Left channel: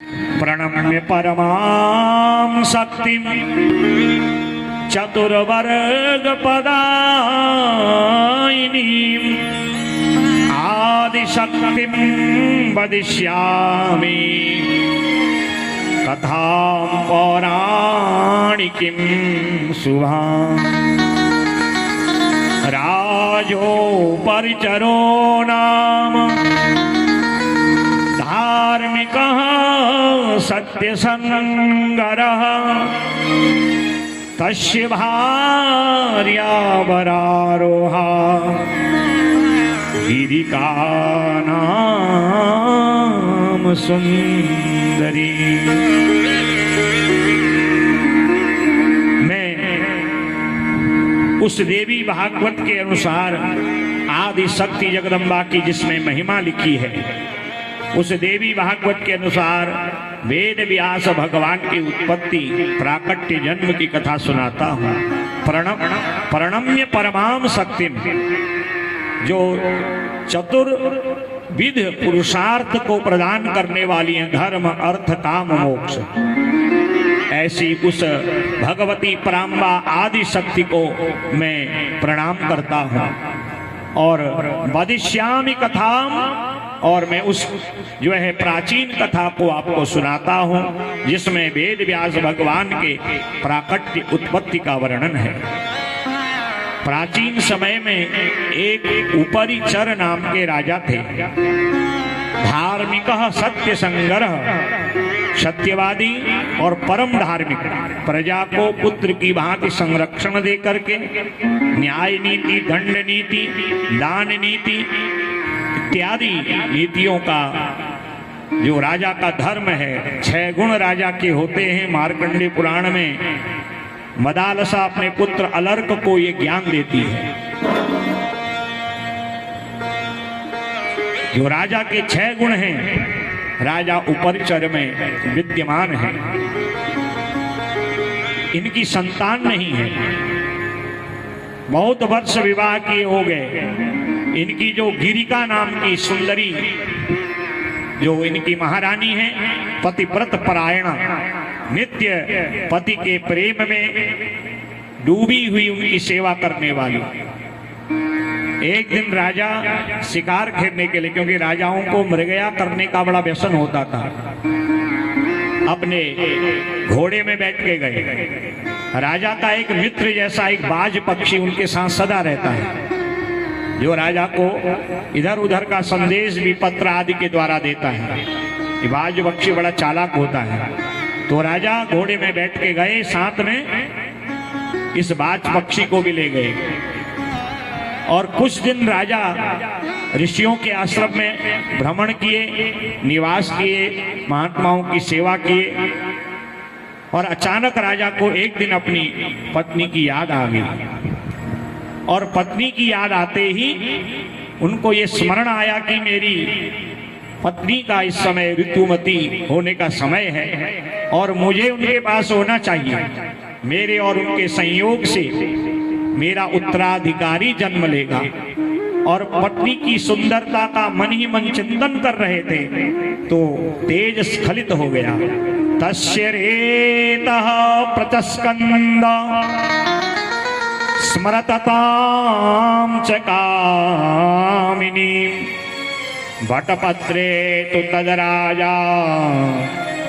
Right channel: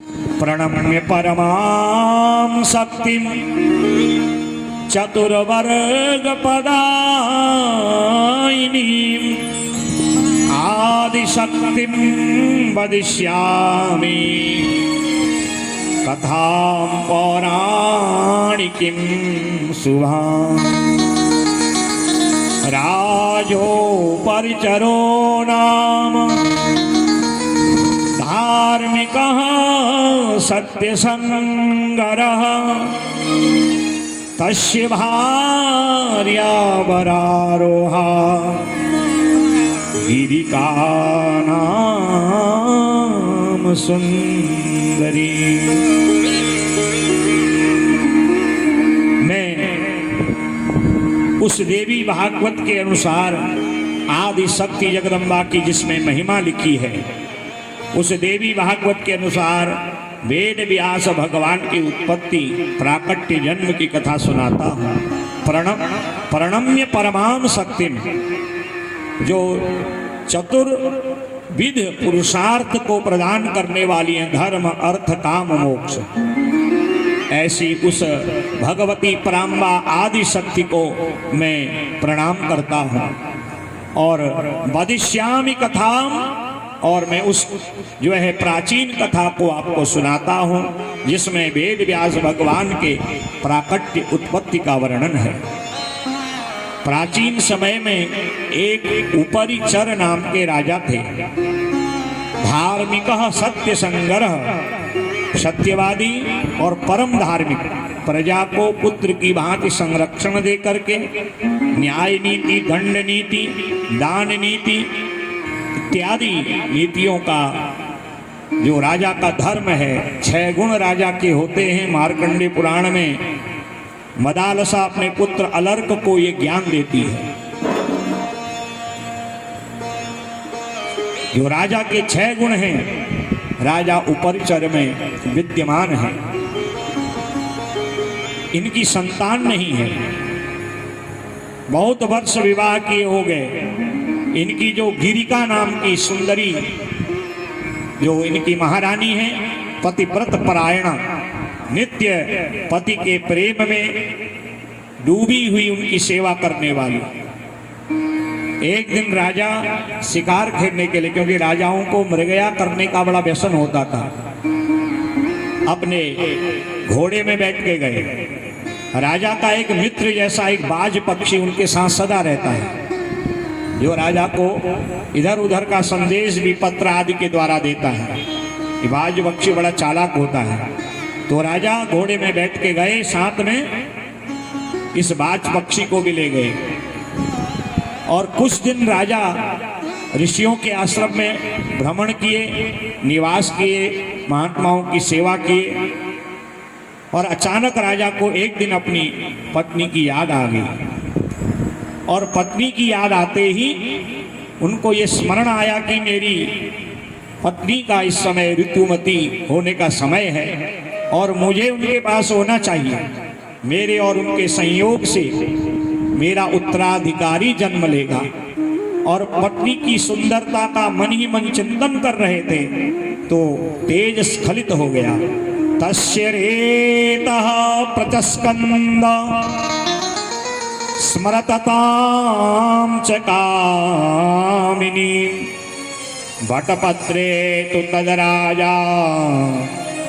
प्रणम्य परमां शक्तिं चतुर्वर्ग पदायिनीं आदिशक्तिं वदिष्यामि कथां पौराणिकीं शुभाम्। राजोपरिचरो नाम धार्मिकः सत्यसंगरः तस्य भार्या वरारोहा गिरिकानाम सुंदरी। मैं उस देवी भागवत के अनुसार आदि शक्ति जगदम्बा की जिसमें महिमा लिखी है, उस देवी भागवत के अनुसार वेद व्यास भगवान की उत्पत्ति प्राकट्य जन्म की कथा सुनाता हूँ। प्रणम्य परमाम शक्तिम, जो चतुर्विध पुरुषार्थ को प्रदान करने वाली है, धर्म अर्थ काम मोक्ष, ऐसी उस भगवती पराम्बा आदि शक्ति को मैं प्रणाम करता हूँ। और वदिष्यामि कथाम, और मैं उस जो है प्राचीन कथा को आपको सुनाता हूँ जिसमें वेद व्यास भगवान के प्राकट्य उत्पत्ति का वर्णन है। प्राचीन समय में एक उपरिचर नाम के राजा थे। धार्मिक सत्य संग्रह, सत्यवादी और परम धार्मिक, प्रजा को पुत्र की भांति संरक्षण दे करके न्याय नीति, दंड नीति, दान नीति इत्यादि नीतियों का जो राजा का धर्म है, 6 गुण राजा के होते हैं। मार्कंडेय पुराण में मदालसा अपने पुत्र अलर्क को ये ज्ञान देती है। जो राजा के 6 गुण हैं, राजा उपरिचर में विद्यमान है। इनकी संतान नहीं है, बहुत वर्ष विवाह किए हो गए। इनकी जो गिरिका नाम की सुंदरी जो इनकी महारानी है, पतिव्रत परायणा, नित्य पति के प्रेम में डूबी हुई उनकी सेवा करने वाली। एक दिन राजा शिकार खेलने के लिए, क्योंकि राजाओं को मृगया करने का बड़ा व्यसन होता था, अपने घोड़े में बैठ के गए। राजा का एक मित्र जैसा एक बाज पक्षी उनके साथ सदा रहता है, जो राजा को इधर उधर का संदेश भी पत्र आदि के द्वारा देता है। ये बाज पक्षी बड़ा चालाक होता है। तो राजा घोड़े में बैठ के गए, साथ में इस बाज पक्षी को भी ले गए। और कुछ दिन राजा ऋषियों के आश्रम में भ्रमण किए, निवास किए, महात्माओं की सेवा किए। और अचानक राजा को एक दिन अपनी पत्नी की याद आ गई। और पत्नी की याद आते ही उनको ये स्मरण आया कि मेरी पत्नी का इस समय ऋतुमती होने का समय है और मुझे उनके पास होना चाहिए। मेरे और उनके संयोग से मेरा उत्तराधिकारी जन्म लेगा। और पत्नी की सुंदरता का मन ही मन चिंतन कर रहे थे तो तेज स्खलित हो गया। तस्य रेतः प्रचस्कंद स्मरततां च कामिनीं वटपत्रे तु तदराजा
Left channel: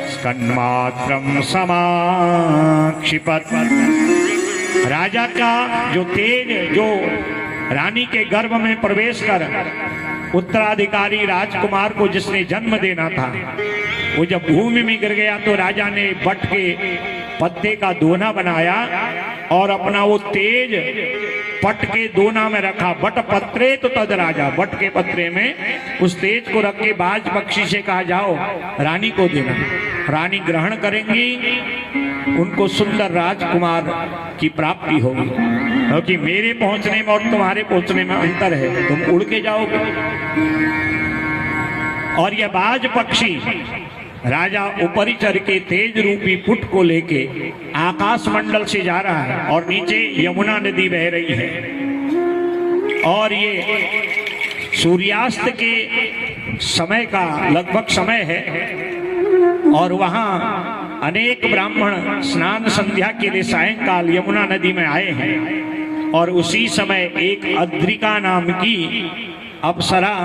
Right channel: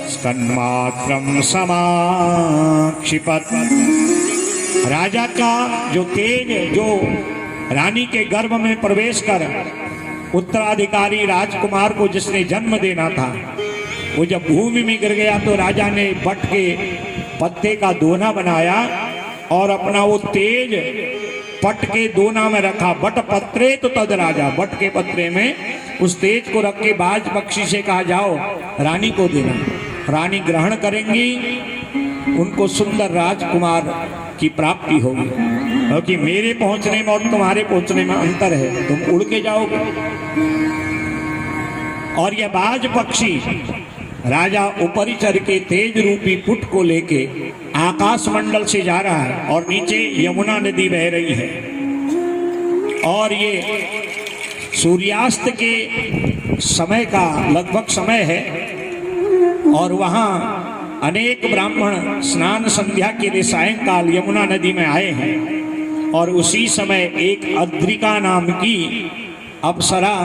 स्कन्मात्रं समाक्षिपत्। राजा का जो तेज, जो रानी के गर्भ में प्रवेश कर उत्तराधिकारी राजकुमार को जिसने जन्म देना था, वो जब भूमि में गिर गया तो राजा ने बट के पत्ते का दोना बनाया और अपना वो तेज पट के दोना में रखा। बट पत्रे तो तद राजा, बट के पत्रे में उस तेज को रख के बाज पक्षी से कहा जाओ रानी को देना। रानी ग्रहण करेंगी, उनको सुंदर राजकुमार की प्राप्ति होगी। क्योंकि मेरे पहुंचने में और तुम्हारे पहुंचने में अंतर है, तुम उड़ के जाओगे। और यह बाज पक्षी राजा उपरिचर के तेज रूपी पुट को लेके आकाश मंडल से जा रहा है और नीचे यमुना नदी बह रही है। और ये सूर्यास्त के समय का लगभग समय है और वहां अनेक ब्राह्मण स्नान संध्या के लिए सायंकाल यमुना नदी में आए हैं। और उसी समय एक अद्रिका नाम की अप्सरा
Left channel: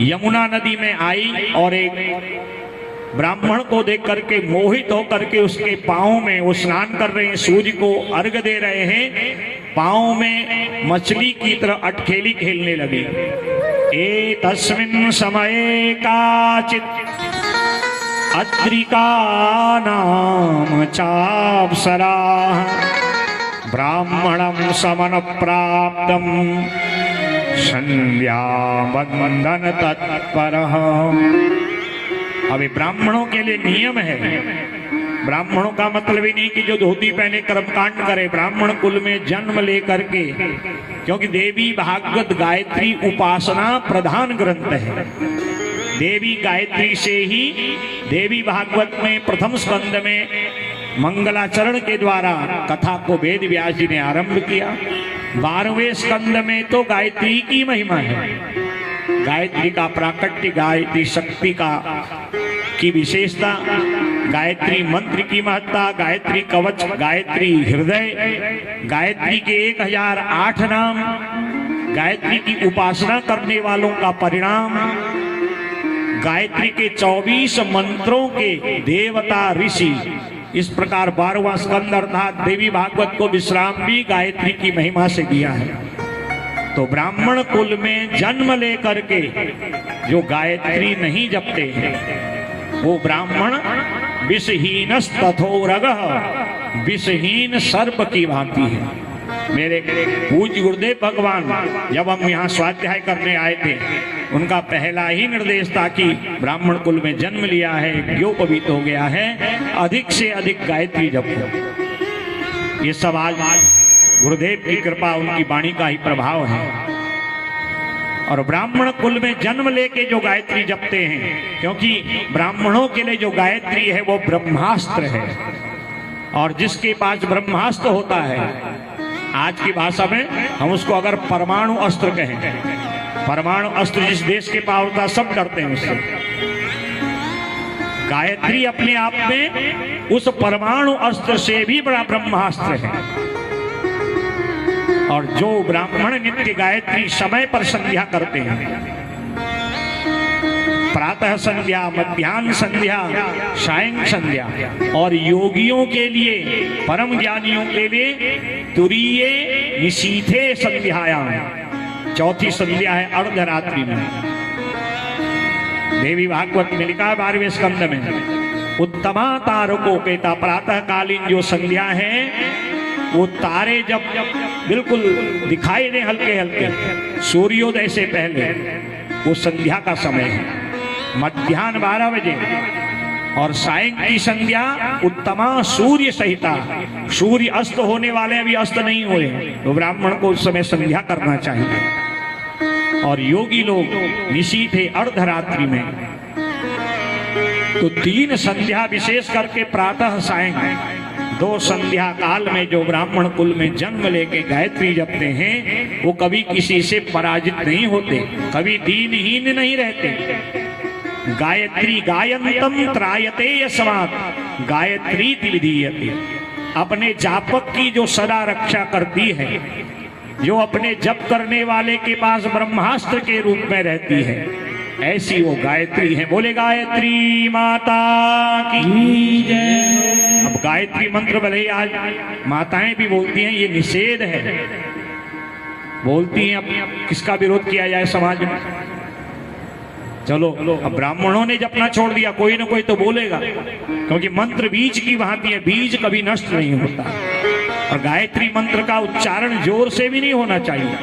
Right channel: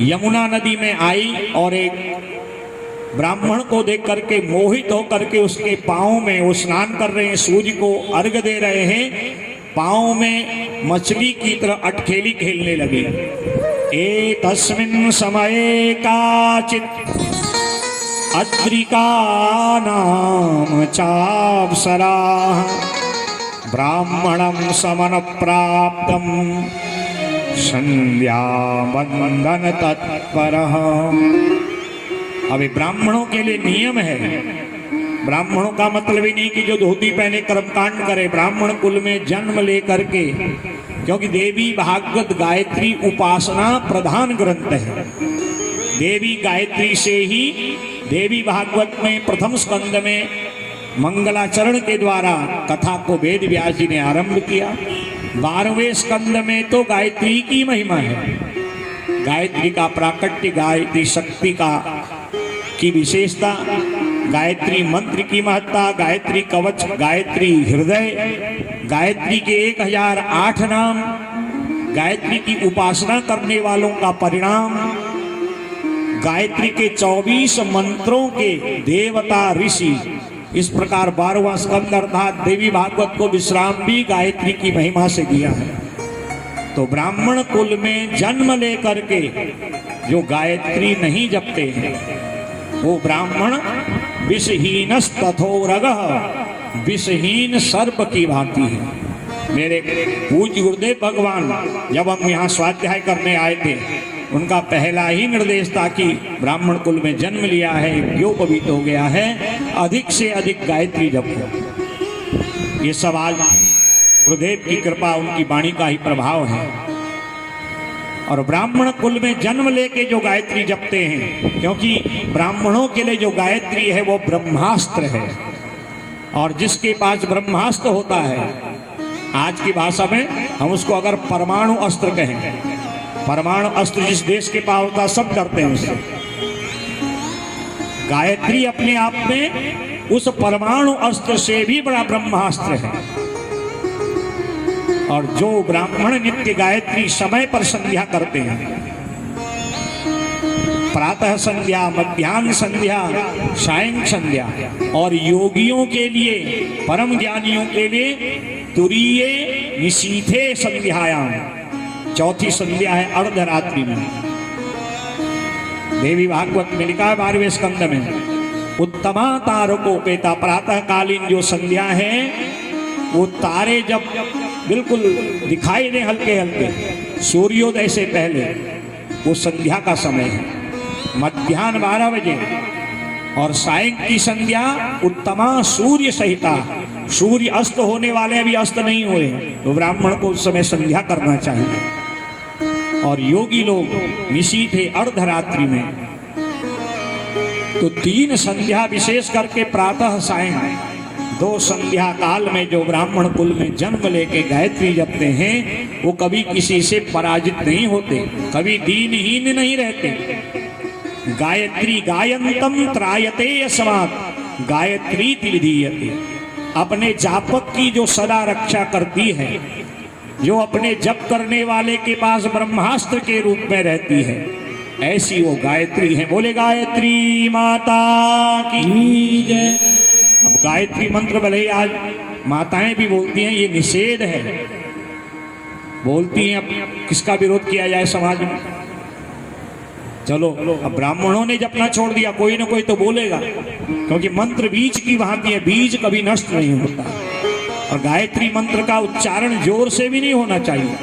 यमुना नदी में आई और एक ब्राह्मण को देख करके मोहित होकर के उसके पांव में, वो स्नान कर रहे हैं, सूर्य को अर्घ दे रहे हैं, पांव में मछली की तरह अटखेली खेलने लगे। ए तस्मिन् समये काचित् अद्रिका नाम चाप्सरा ब्राह्मणं समन प्राप्तं संध्या वंदन तत्परः। अभी ब्राह्मणों के लिए नियम है, ब्राह्मणों का मतलब ही नहीं कि जो धोती पहने कर्मकांड करे। ब्राह्मण कुल में जन्म लेकर के, क्योंकि देवी भागवत गायत्री उपासना प्रधान ग्रंथ है। देवी गायत्री से ही देवी भागवत में प्रथम स्कंद में मंगलाचरण के द्वारा कथा को वेद व्यास जी ने आरंभ किया। 12वें स्कंद में तो गायत्री की महिमा है, गायत्री का प्राकट्य, गायत्री शक्ति का की विशेषता, गायत्री मंत्र की महत्ता, गायत्री कवच, गायत्री हृदय, गायत्री के 1008 नाम, गायत्री की उपासना करने वालों का परिणाम, गायत्री के 24 मंत्रों के देवता ऋषि। इस प्रकार 12वां स्कंद अर्थात देवी भागवत को विश्राम भी गायत्री की महिमा से दिया है। तो ब्राह्मण कुल में जन्म लेकर के जो गायत्री नहीं जपते हैं वो ब्राह्मण विषहीनस्तथोरगः, विषहीन सर्प की भांति है। मेरे पूज्य गुरुदेव भगवान जब हम यहाँ स्वाध्याय करने आए थे, उनका पहला ही निर्देश था कि ब्राह्मण कुल में जन्म लिया है, योपवीत हो गया है, अधिक से अधिक गायत्री जपो। ये सब आज गुरुदेव की कृपा, उनकी वाणी का ही प्रभाव है। और ब्राह्मण कुल में जन्म लेके जो गायत्री जपते हैं, क्योंकि ब्राह्मणों के लिए जो गायत्री है वो ब्रह्मास्त्र है। और जिसके पास ब्रह्मास्त्र होता है, आज की भाषा में हम उसको अगर परमाणु अस्त्र कहें, परमाणु अस्त्र जिस देश के पास होता है सब डरते हैं उससे। गायत्री अपने आप में उस परमाणु अस्त्र से भी बड़ा ब्रह्मास्त्र है। और जो ब्राह्मण नित्य गायत्री समय पर संध्या करते हैं, प्रातः संध्या, मध्याह्न संध्या, सायं संध्या, और योगियों के लिए, परम ज्ञानियों के लिए तुरीये निशीथे संध्यायाम, चौथी संध्या है अर्धरात्रि में। देवी भागवत में लिखा 12वें स्कंद में, उत्तमा तारकोपेता, प्रातः कालीन जो संध्या है वो तारे जब बिल्कुल दिखाई दे हल्के हल्के, सूर्योदय से पहले, वो संध्या का समय है। मध्याह्न 12 बजे और सायं की संध्या उत्तमा सूर्य सहिता, सूर्य अस्त होने वाले अभी अस्त नहीं हुए, तो ब्राह्मण को उस समय संध्या करना चाहिए। और योगी लोग निशीथे अर्धरात्रि में। तो 3 संध्या विशेष करके प्रातः सायं, 2 संध्या काल में जो ब्राह्मण कुल में जन्म लेके गायत्री जपते हैं वो कभी किसी से पराजित नहीं होते, कभी दीनहीन नहीं रहते। गायत्री गायंतम त्रायते यस्मात् गायत्री विधीयते, अपने जापक की जो सदा रक्षा करती है, जो अपने जप करने वाले के पास ब्रह्मास्त्र के रूप में रहती है, ऐसी वो गायत्री है। बोले गायत्री माता की जय। अब गायत्री मंत्र भले ही आज माताएं भी बोलती हैं, ये निषेध है, बोलती हैं। अब किसका विरोध किया जाए समाज में? चलो, अब ब्राह्मणों ने जपना छोड़ दिया, कोई ना कोई तो बोलेगा, क्योंकि मंत्र बीज की भांति है, बीज कभी नष्ट नहीं होता। और गायत्री मंत्र का उच्चारण जोर से भी नहीं होना चाहिए।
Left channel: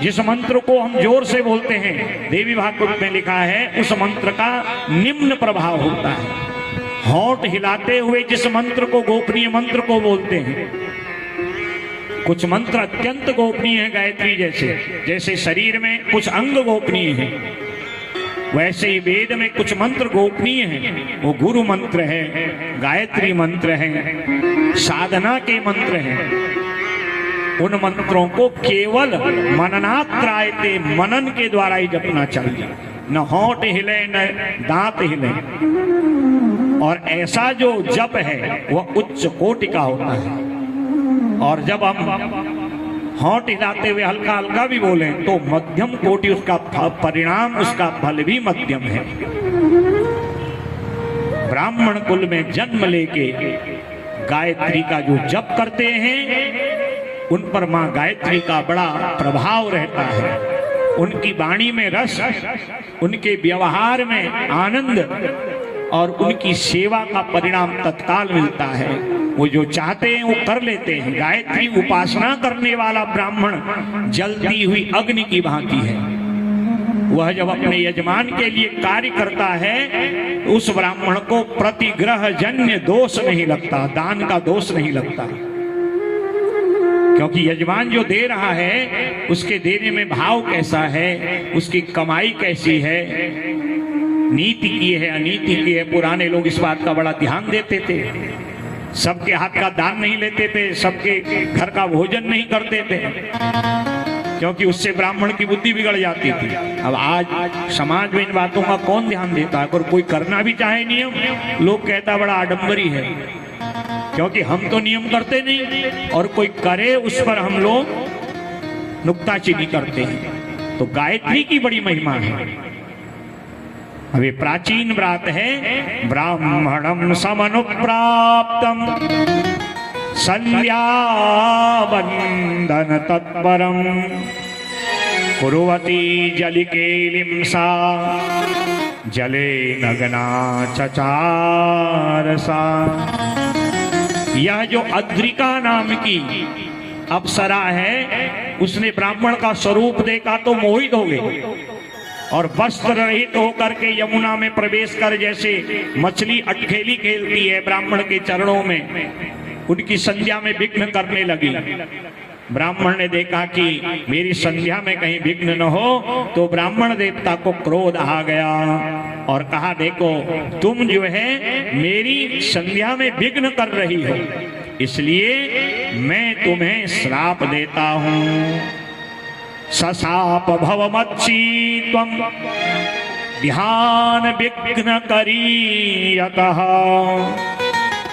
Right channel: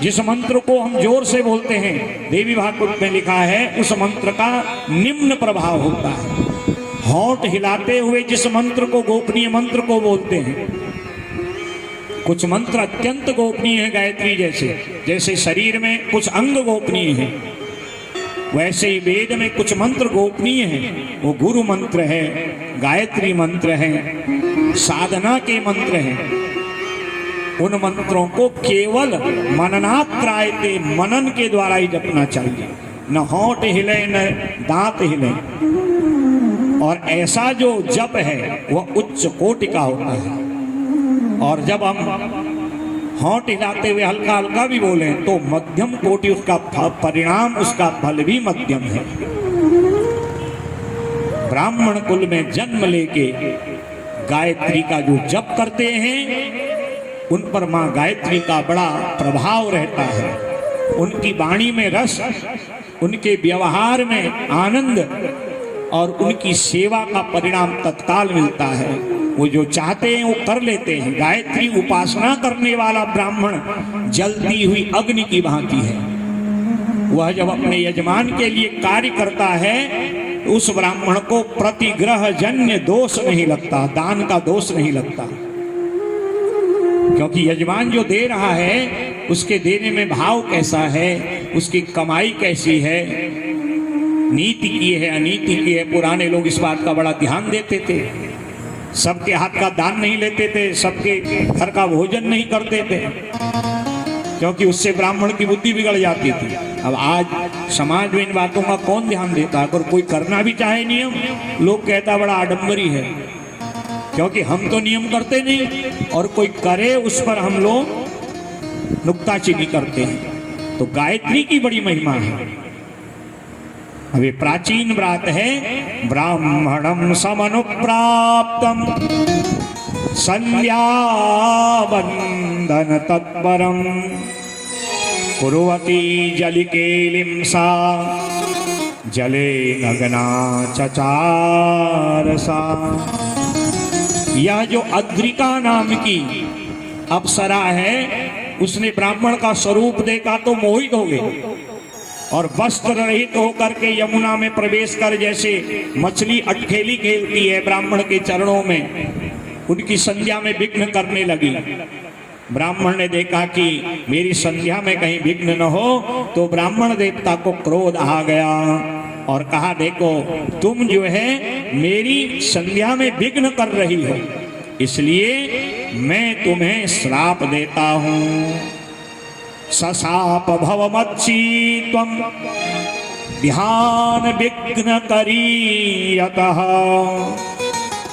जिस मंत्र को हम जोर से बोलते हैं, देवी भागवत में लिखा है, उस मंत्र का निम्न प्रभाव होता है। होंठ हिलाते हुए जिस मंत्र को, गोपनीय मंत्र को बोलते हैं, कुछ मंत्र अत्यंत गोपनीय है, गायत्री जैसे शरीर में कुछ अंग गोपनीय है, वैसे ही वेद में कुछ मंत्र गोपनीय हैं। वो गुरु मंत्र है, गायत्री मंत्र है, साधना के मंत्र हैं। उन मंत्रों को केवल मननात्रायते, मनन के द्वारा ही जपना चाहिए। न होंठ हिले न दांत हिले। और ऐसा जो जप है वह उच्च कोटि का होता है। और जब हम होंठ हिलाते हुए हल्का हल्का भी बोलें तो मध्यम कोटि उसका परिणाम, उसका फल भी मध्यम है। ब्राह्मण कुल में जन्म लेके गायत्री का जो जप करते हैं उन पर मां गायत्री का बड़ा प्रभाव रहता है। उनकी वाणी में रस, उनके व्यवहार में आनंद और उनकी सेवा का परिणाम तत्काल मिलता है। वो जो चाहते हैं वो कर लेते हैं। गायत्री उपासना करने वाला ब्राह्मण जलती हुई अग्नि की भांति है। वह जब अपने यजमान के लिए कार्य करता है तो उस ब्राह्मण को प्रतिग्रह जन्य दोष नहीं लगता, दान का दोष नहीं लगता, क्योंकि यजमान जो दे रहा है उसके देने में भाव कैसा है, उसकी कमाई कैसी है, नीति की है अनीति की है। पुराने लोग इस बात का बड़ा ध्यान देते थे। सबके हाथ का दान नहीं लेते थे, सबके घर का भोजन नहीं करते थे, क्योंकि उससे ब्राह्मण की बुद्धि बिगड़ जाती थी। अब आज समाज में इन बातों का कौन ध्यान देता है? अगर कोई करना भी चाहे नियम, लोग कहता बड़ा आडंबरी है, क्योंकि हम तो नियम करते नहीं और कोई करे उस पर हम लोग नुक्ताचीनी करते हैं। तो गायत्री की बड़ी महिमा है। अभी प्राचीन व्रत है, ब्राह्मणम समनुप्राप्तम संध्या वंदन तत्परम कुर्वती जलिकेलिं सा जले नग्ना चचार सा। यह जो अद्रिका नाम की अप्सरा है, उसने ब्राह्मण का स्वरूप देखा तो मोहित हो गई और वस्त्र रहित होकर के यमुना में प्रवेश कर जैसे मछली अटखेली खेलती है ब्राह्मण के चरणों में, उनकी संध्या में विघ्न करने लगी। ब्राह्मण ने देखा कि मेरी संध्या में कहीं विघ्न न हो, तो ब्राह्मण देवता को क्रोध आ गया और कहा, देखो तुम जो है मेरी संध्या में विघ्न कर रही हो, इसलिए मैं तुम्हें श्राप देता हूं। ससाप भवमच्छी त्वं ध्यान विघ्न करीयतः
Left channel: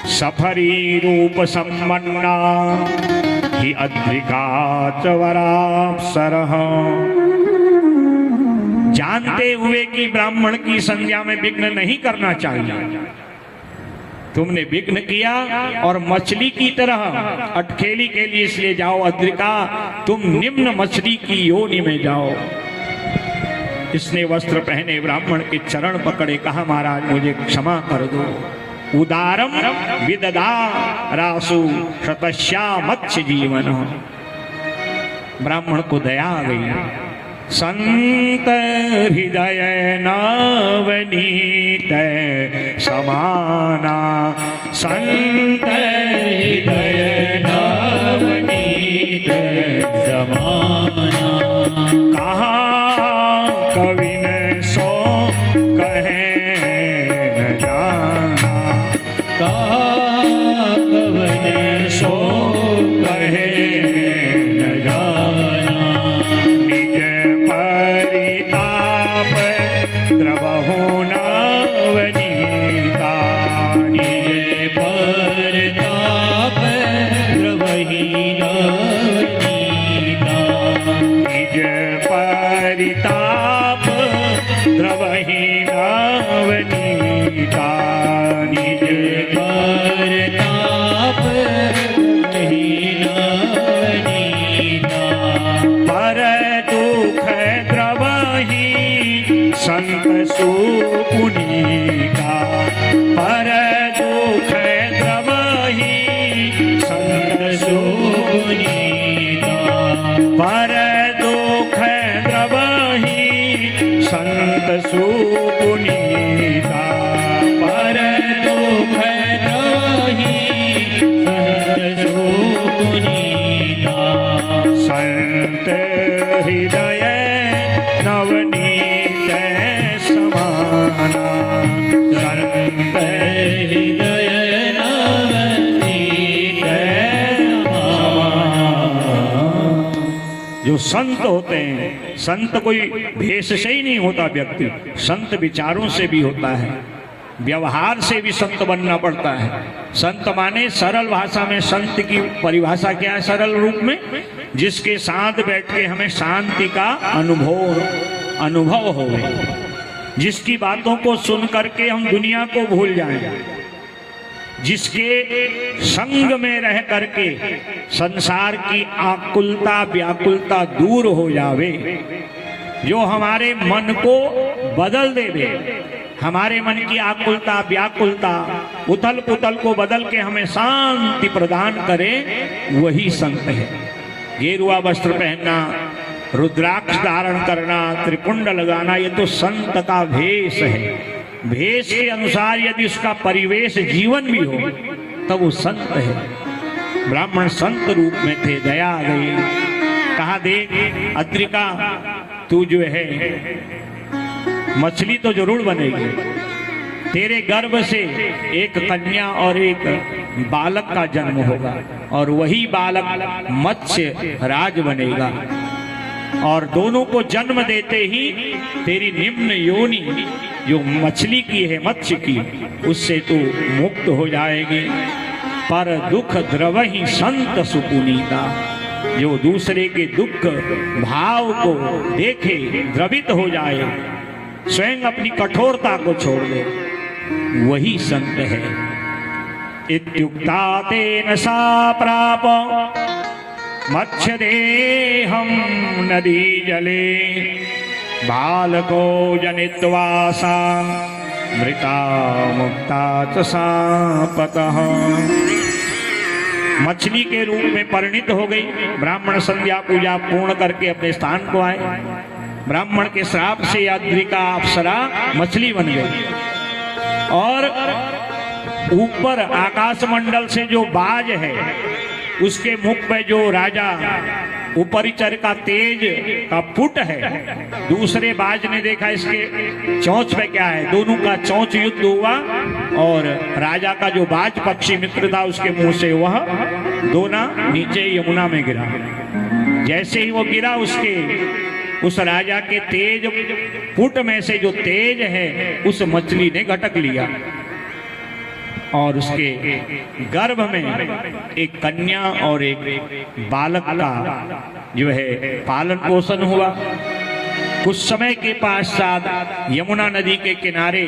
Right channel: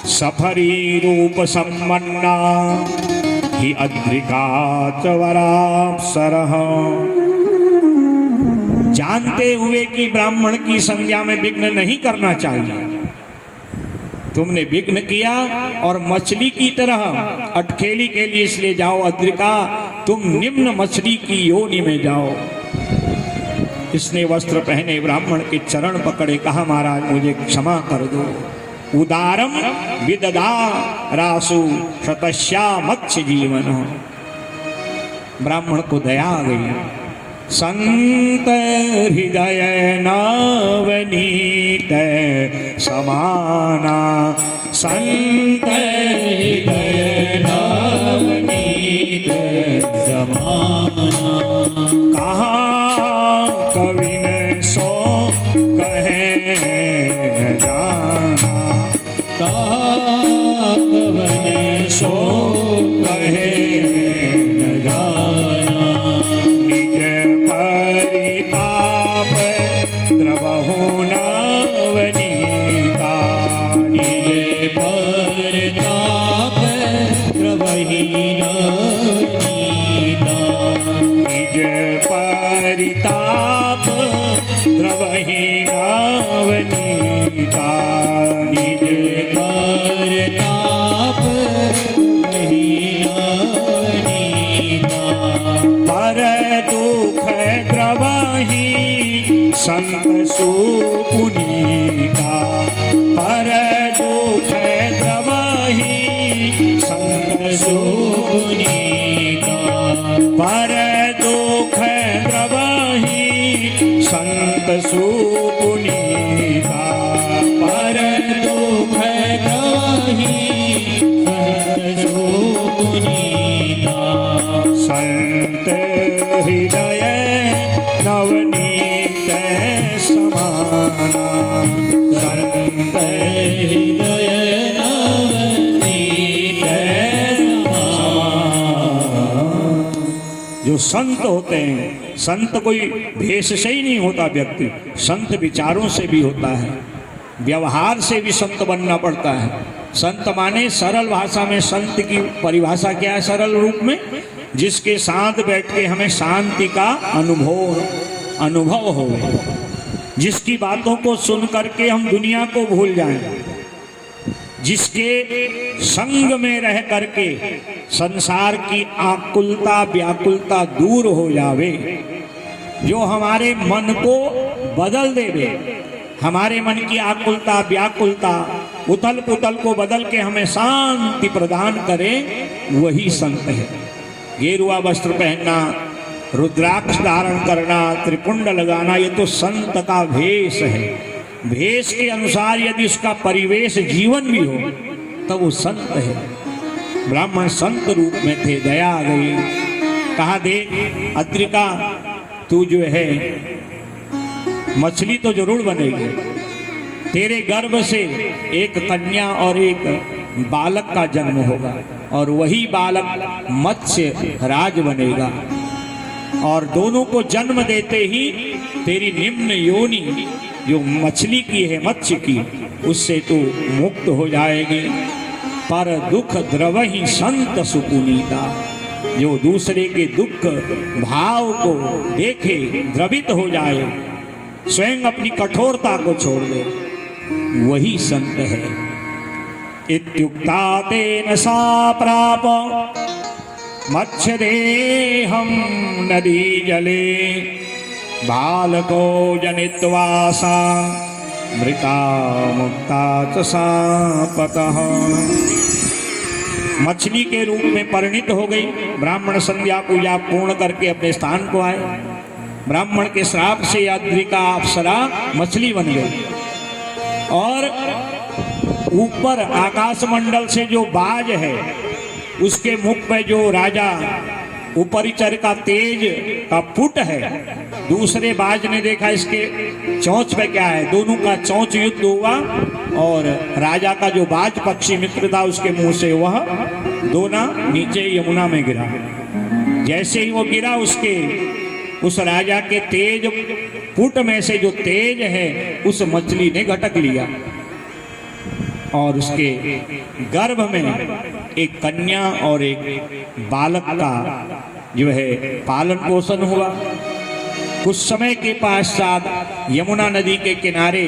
सफरी रूप सम्मन्ना हि अद्रिका च वराप्सरः। जानते हुए कि ब्राह्मण की संध्या में विघ्न नहीं करना चाहिए, तुमने विघ्न किया और मछली की तरह अटखेली के लिए इसलिए जाओ अद्रिका, तुम निम्न मछली की योनि में जाओ। इसने वस्त्र पहने ब्राह्मण के चरण पकड़े, कहा महाराज मुझे क्षमा कर दो। उदारम विददारासु शतस्या मत्स्य जीवन। ब्राह्मण को दया आ गई। संत हृदय नवनीत समाना, संत हृदय नवनीत समाना। कहा कवि ने सो कहे न जाना, कहा कवि ने सो कहे न जाना। निज परिताप द्रवहु नवनीता, निज परिताप जो संत होते हैं, संत कोई भेष से ही नहीं होता व्यक्ति, संत विचारों से भी होता है, व्यवहार से भी संत बनना पड़ता है। संत माने सरल भाषा में संत की परिभाषा क्या है? सरल रूप में जिसके साथ बैठ के हमें शांति का अनुभव हो, जिसकी बातों को सुन करके हम दुनिया को भूल जाएं, जिसके संग में रह करके संसार की आकुलता व्याकुलता दूर हो जावे, जो हमारे मन को बदल देवे, हमारे मन की आकुलता व्याकुलता उथल पुथल को बदल के हमें शांति प्रदान करे, वही संत है। गेरुआ वस्त्र पहनना, रुद्राक्ष धारण करना, त्रिपुंड लगाना, ये तो संत का भेष है। भेष के अनुसार यदि उसका परिवेश जीवन भी हो तब वो संत है। ब्राह्मण संत रूप में थे, दया आ गई। कहा, देख अद्रिका, तू जो है मछली तो जरूर बनेगी, तेरे गर्भ से एक कन्या और एक बालक का जन्म होगा और वही बालक मत्स्य राज बनेगा, और दोनों को जन्म देते ही तेरी निम्न योनि जो मछली की है, मत्स्य की, उससे तू मुक्त हो जाएगी। पर दुख द्रवहि संत सुपुनीता, जो दूसरे के दुख भाव को देखे द्रवित हो जाए, स्वयं अपनी कठोरता को छोड़ दे, वही संत है। इत्युक्ता तेन सा प्राप मत्स्य देहं नदी जले, बालको जनित्वा सा मृता मुक्ता च सापतः। मछली के रूप में परिणित हो गई। ब्राह्मण संध्या पूजा पूर्ण करके अपने स्थान को आए। ब्राह्मण के श्राप से अद्रिका अप्सरा मछली बन गई, और ऊपर आकाश मंडल से जो बाज है उसके मुख पे जो राजा उपरिचर का तेज का पुट है, दूसरे बाज ने देखा इसके चोंच पे क्या है, दोनों का चोंच युद्ध हुआ और राजा का जो बाज पक्षी मित्र था उसके मुंह से वह दोना नीचे यमुना में गिरा। जैसे ही वो गिरा, उस राजा के तेज पुट में से जो तेज है उस मछली ने घटक लिया और उसके गर्भ में एक कन्या और एक बालक का जो है पालन पोषण हुआ। कुछ समय के पश्चात यमुना नदी के किनारे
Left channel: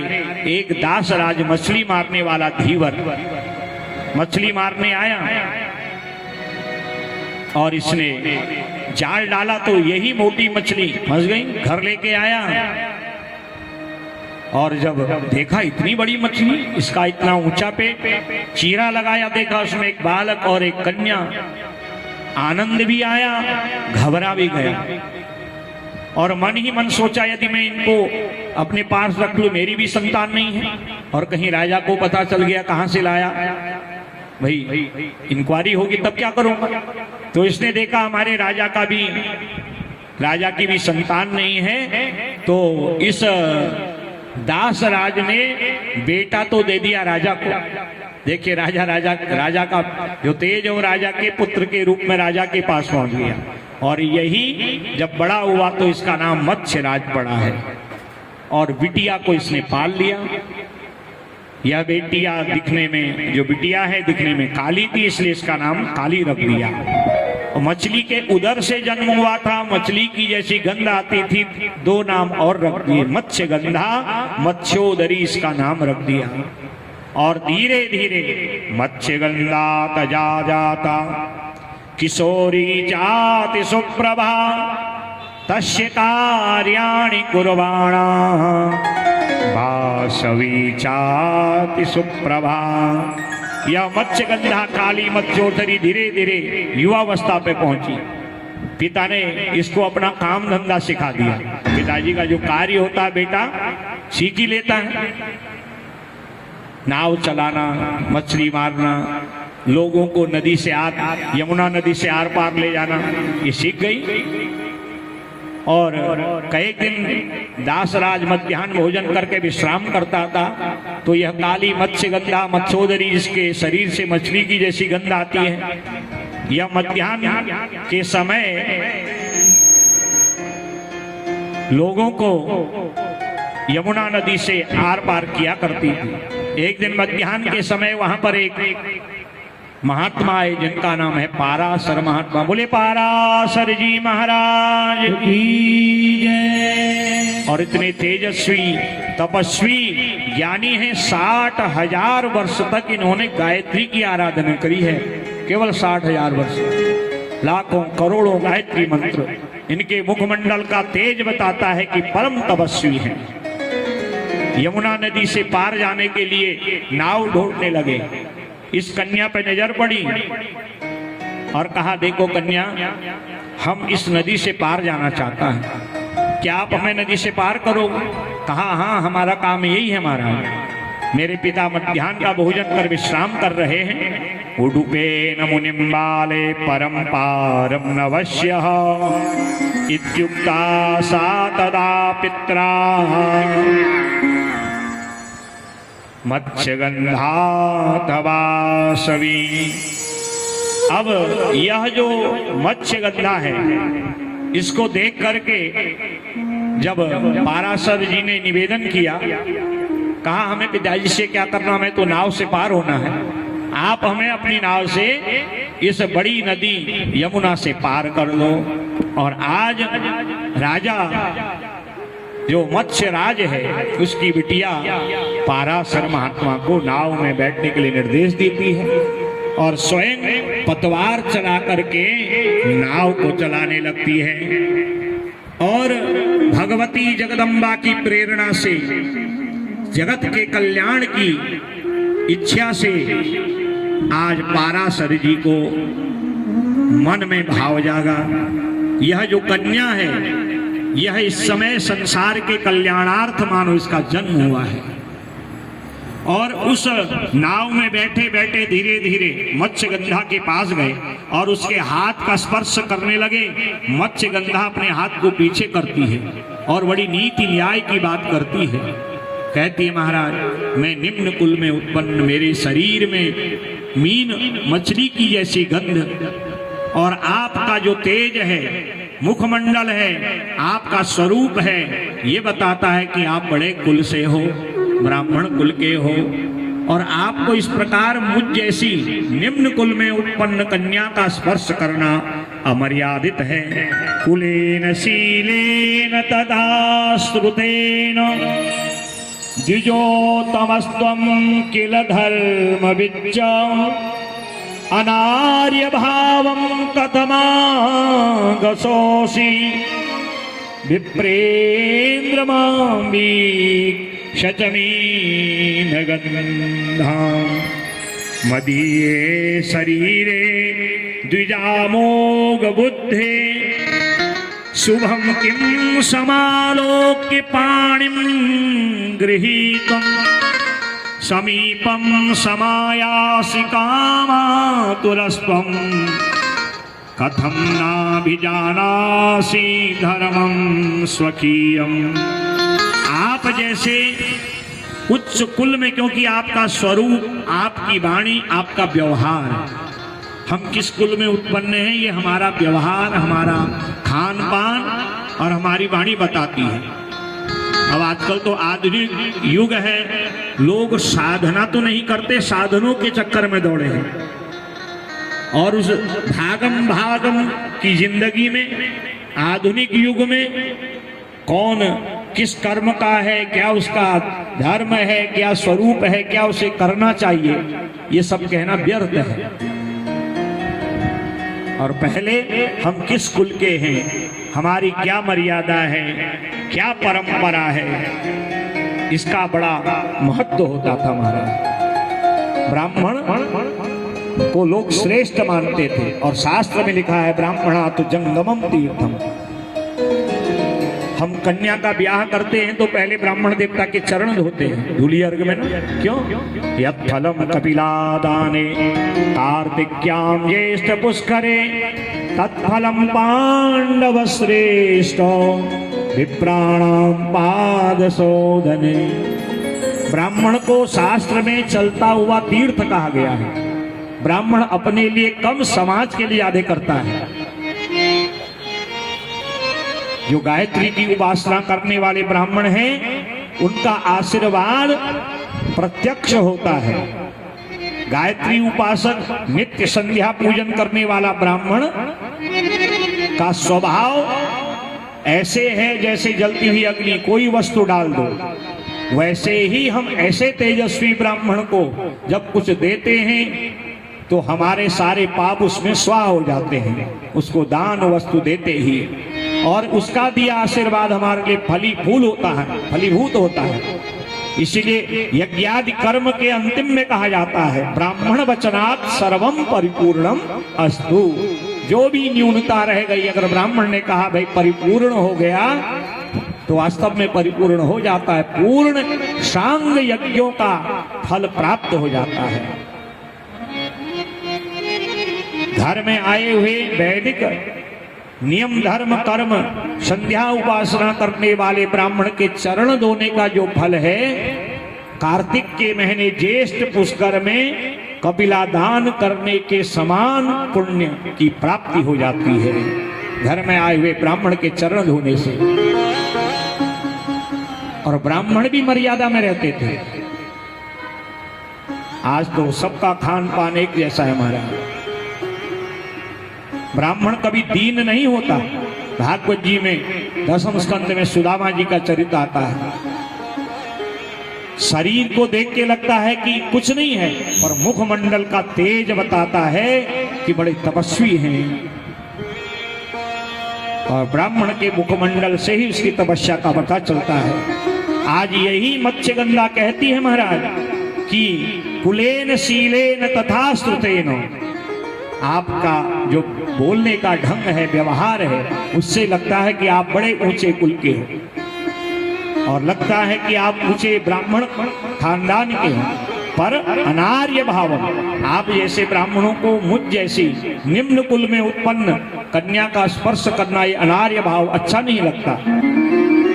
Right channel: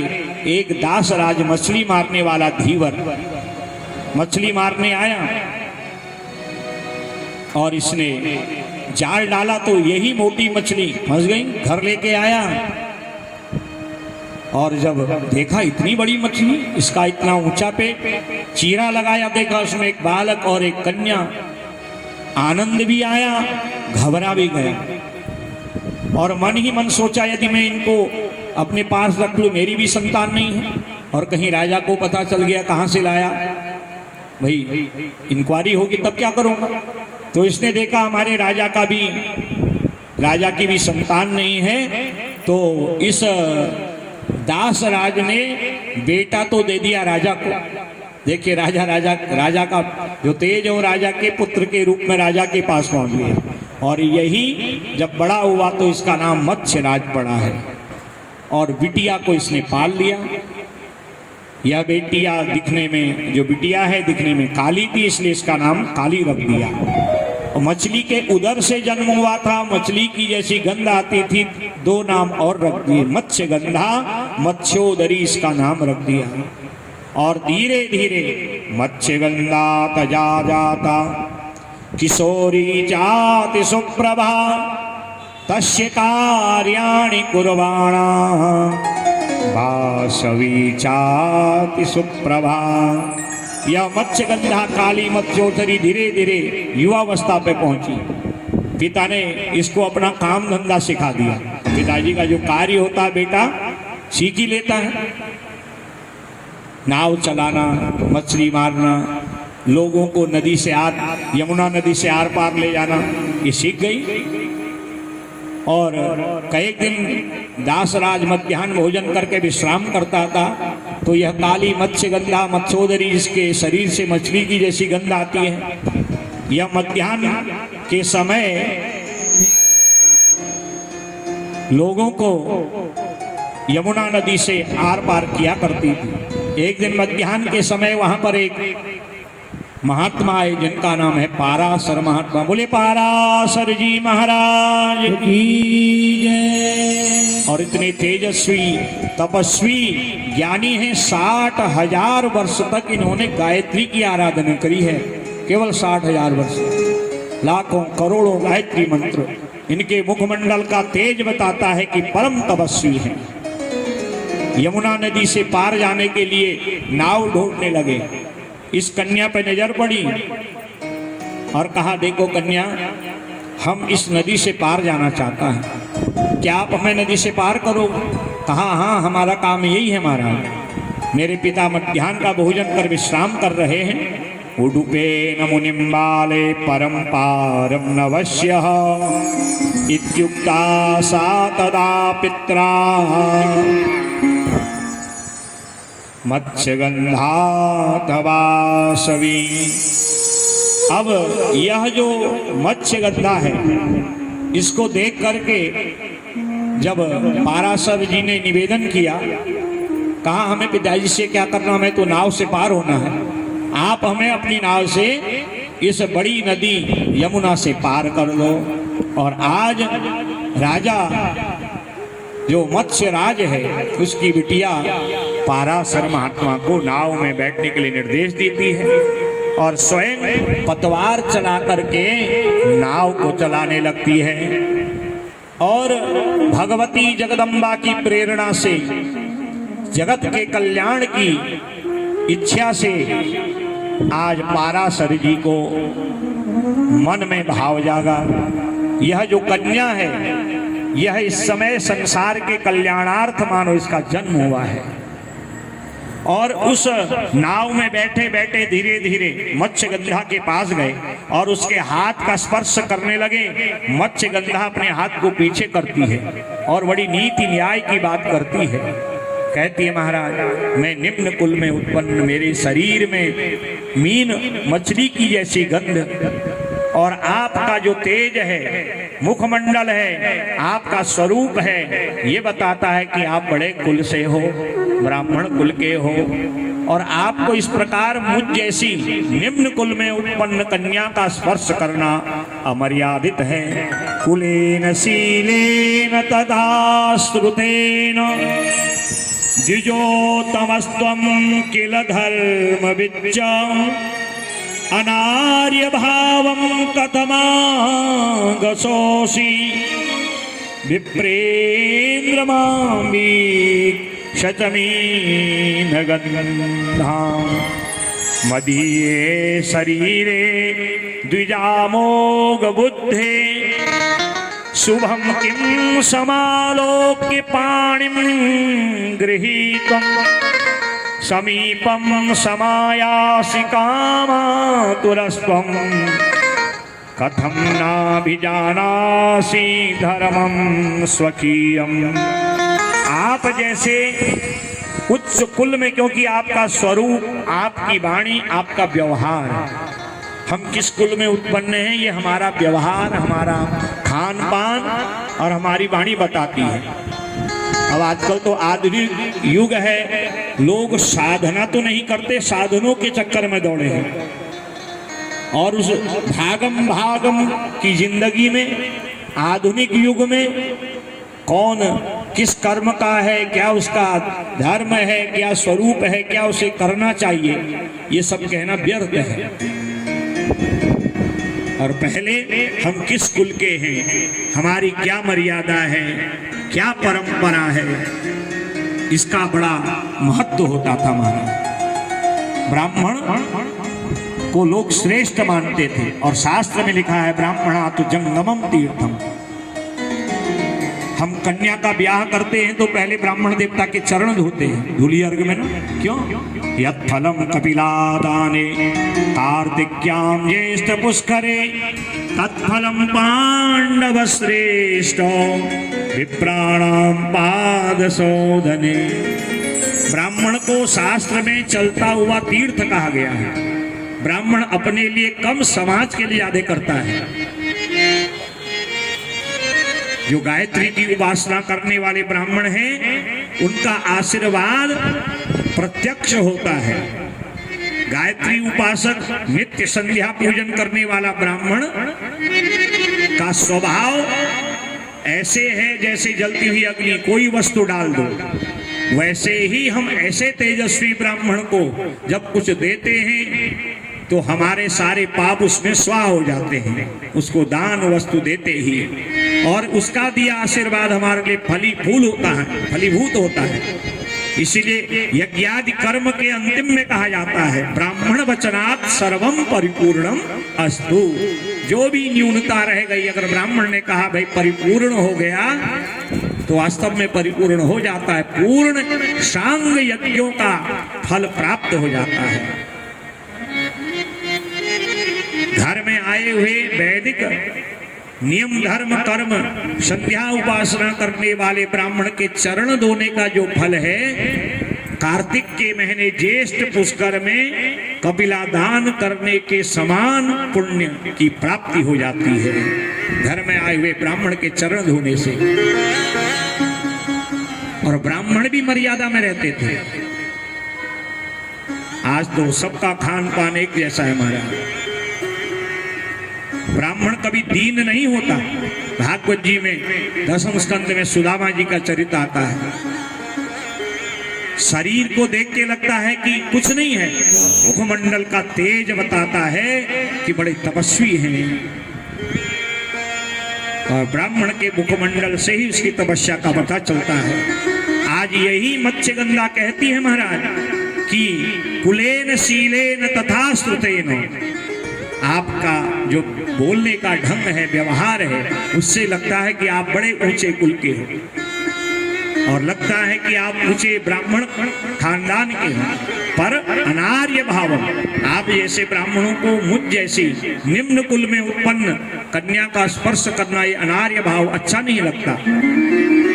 एक दासराज मछली मारने वाला धीवर मछली मारने आया और इसने जाल डाला तो यही मोटी मछली फंस गई। घर लेके आया और जब देखा इतनी बड़ी मछली, इसका इतना ऊंचा पेट, चीरा लगाया, देखा उसमें एक बालक और एक कन्या। आनंद भी आया, घबरा भी गया और मन ही मन सोचा यदि मैं इनको अपने पास रख लूं, मेरी भी संतान नहीं है और कहीं राजा को पता चल गया कहां से लाया, भाई इंक्वायरी होगी तब क्या करूंगा। तो इसने देखा हमारे राजा की भी संतान नहीं है, तो इस दास राज ने बेटा तो दे दिया राजा को। देखिए राजा का जो तेज हो राजा के पुत्र के रूप में राजा के पास पहुंच गया और यही जब बड़ा हुआ तो इसका नाम मत्स्य राज पड़ा है और बिटिया को इसने पाल लिया। यह बेटिया दिखने में काली थी, इसलिए इसका नाम काली रख दिया। और मछली के उदर से जन्म हुआ था, मछली की जैसी गंध आती थी, दो नाम और रख दिए, मत्स्य गंधा, मत्स्योदरी इसका नाम रख दिया। और धीरे धीरे मत्स्य गंधा तजा जाता किशोरी जाति सुप्रभा तस्य कार्याणि कुर्वाणा वासवी चाति सुप्रभा। यह मत्स्य गंधा काली मत्स्योदरी धीरे धीरे युवावस्था पे पहुंची। पिता ने इसको अपना काम धंधा सिखा दिया। पिताजी का जो कार्य होता है बेटा सीख ही लेता है, नाव चलाना, मछली मारना, लोगों को यमुना नदी से आर पार ले जाना, ये सीख गई। और कई दिन दासराज मध्याह्न भोजन करके विश्राम करता था, तो यह काली मत्स्य गंधा मत्स्योदरी जिसके शरीर से मछली की जैसी गंध आती है, यह मध्याह्न के समय लोगों को यमुना नदी से आर पार किया करती थी। एक दिन मध्याह्न के समय वहां पर एक महात्मा है जिनका नाम है पाराशर महात्मा। बोले पाराशर जी महाराज की जय। और इतने तेजस्वी तपस्वी ज्ञानी हैं, 60,000 वर्ष तक इन्होंने गायत्री की आराधना करी है। केवल 60,000 वर्ष, लाखों करोड़ों गायत्री मंत्र। इनके मुखमंडल का तेज बताता है कि परम तपस्वी हैं। यमुना नदी से पार जाने के लिए नाव ढूंढने लगे। इस कन्या पे नजर पड़ी और कहा, देखो कन्या, हम इस नदी से पार जाना चाहता हैं, क्या आप हमें नदी से पार करो? कहा, हाँ, हमारा काम यही है महाराज। मेरे पिता मध्याह्न का भोजन कर विश्राम कर रहे हैं। उडुपेन मुनिम्बाले परम पारम नवश्य इत्युक्ता सा तदा पित्रा मत्स्यगंधातवासवी। अब यह जो मत्स्यगंधा है, इसको देख करके जब पाराशर जी ने निवेदन किया, कहा, हमें पिताजी से क्या करना, हमें तो नाव से पार होना है, आप हमें अपनी नाव से इस बड़ी नदी यमुना से पार कर लो। और आज राजा जो मत्स्य राज है, उसकी बिटिया पाराशर महात्मा को नाव में बैठने के लिए निर्देश देती है और स्वयं पतवार चला करके नाव को चलाने लगती है। और भगवती जगदम्बा की प्रेरणा से, जगत के कल्याण की इच्छा से आज पाराशर जी को मन में भाव जागा। यह जो कन्या है, यह इस समय संसार के कल्याणार्थ मानो इसका जन्म हुआ है। और उस नाव में बैठे बैठे धीरे धीरे मत्स्यगंधा के पास गए और उसके हाथ का स्पर्श करने लगे। मत्स्यगंधा अपने हाथ को पीछे करती है और बड़ी नीति न्याय की बात करती है। कहती है, महाराज, मैं निम्न कुल में उत्पन्न, मेरे शरीर में मीन मछली की जैसी गंध, और आपका जो तेज है, मुखमंडल है, आपका स्वरूप है, ये बताता है कि आप बड़े कुल से हो, ब्राह्मण कुल के हो। और आपको इस प्रकार मुझ जैसी निम्न कुल में उत्पन्न कन्या का स्पर्श करना अमर्यादित है। कुलेन शीलेन तथा श्रुतेन द्विजोतमस्त्वं किल धर्मविच्च अनार्य भावं कथमागसोऽसि विप्रेन्द्र मामीक्षचमीन गन्धाम् मदीये शरीरे द्विजामोघ बुद्धे शुभं किं समालोक्य पाणिं गृहीत्वम् समीपं समायासि कामातुरस्त्वं कथं नाभिजानासि धर्मं स्वकीयम्। आप जैसे उच्च कुल में, क्योंकि आपका स्वरूप, आपकी वाणी, आपका व्यवहार, हम किस कुल में उत्पन्न हैं ये हमारा व्यवहार, हमारा खान पान और हमारी वाणी बताती है। अब आजकल तो आधुनिक युग है, लोग साधना तो नहीं करते, साधनों के चक्कर में दौड़े हैं। और उस भागम भागम की जिंदगी में, आधुनिक युग में कौन किस कर्म का है, क्या उसका धर्म है, क्या स्वरूप है, क्या उसे करना चाहिए, ये सब कहना व्यर्थ है। और पहले हम किस कुल के हैं, हमारी क्या मर्यादा है, क्या परंपरा है, इसका बड़ा महत्व होता था। महाराज, ब्राह्मण को लोग श्रेष्ठ मानते थे और शास्त्र में लिखा है, ब्राह्मणा तो जंगमम तीर्थम। हम कन्या का ब्याह करते हैं तो पहले ब्राह्मण देवता के चरण धोते हैं, धूली अर्घ में। क्यों? यत् फलम कपिलादाने कार्तिक्यां ज्येष्ठ पुष्करे तत्फलम पांडव श्रेष्ठ विप्राणां पादशोधने। ब्राह्मण को शास्त्र में चलता हुआ तीर्थ कहा गया है। ब्राह्मण अपने लिए कम, समाज के लिए ज्यादा करता है। जो गायत्री की उपासना करने वाले ब्राह्मण हैं, उनका आशीर्वाद प्रत्यक्ष होता है। गायत्री उपासक नित्य संध्या पूजन करने वाला ब्राह्मण का स्वभाव ऐसे है जैसे जलती हुई अग्नि, कोई वस्तु डाल दो। वैसे ही हम ऐसे तेजस्वी ब्राह्मण को जब कुछ देते हैं तो हमारे सारे पाप उसमें स्वाह हो जाते हैं, उसको दान वस्तु देते ही, और उसका दिया आशीर्वाद हमारे लिए फलीभूत होता है। इसीलिए यज्ञादि कर्म के अंतिम में कहा जाता है, ब्राह्मण वचनात् सर्वम परिपूर्णम अस्तु। जो भी न्यूनता रह गई, अगर ब्राह्मण ने कहा भाई परिपूर्ण हो गया, तो वास्तव में परिपूर्ण हो जाता है। पूर्ण सांग यज्ञों का फल प्राप्त हो जाता है। घर में आए हुए वैदिक नियम धर्म कर्म संध्या उपासना करने वाले ब्राह्मण के चरण धोने का जो फल है, कार्तिक के महीने ज्येष्ठ पुष्कर में कपिला दान करने के समान पुण्य की प्राप्ति हो जाती है, घर में आए हुए ब्राह्मण के चरण धोने से। और ब्राह्मण भी मर्यादा में रहते थे। आज तो सबका खान पान एक जैसा है हमारा। ब्राह्मण कभी दीन नहीं होता। भागवत जी में 10वें स्कंद में सुदामा जी का चरित्र आता है। शरीर को देख के लगता है कि कुछ नहीं है, और मुखमंडल का तेज बताता है कि बड़े तपस्वी हैं। और ब्राह्मण के मुखमंडल से ही उसकी तपस्या का पता चलता है। आज यही मत्स्यगंधा कहती है महाराज कि कुलेन शीलेन तथा श्रुतेन, आपका जो बोलने का ढंग है, व्यवहार है, उससे लगता है कि आप बड़े ऊंचे कुल के हो, और लगता है कि आप ऊंचे ब्राह्मण खानदान के हो। पर अनार्य भाव, आप जैसे ब्राह्मणों को मुझ जैसी निम्न कुल में उत्पन्न कन्या का स्पर्श करना, ये अनार्य भाव अच्छा नहीं लगता।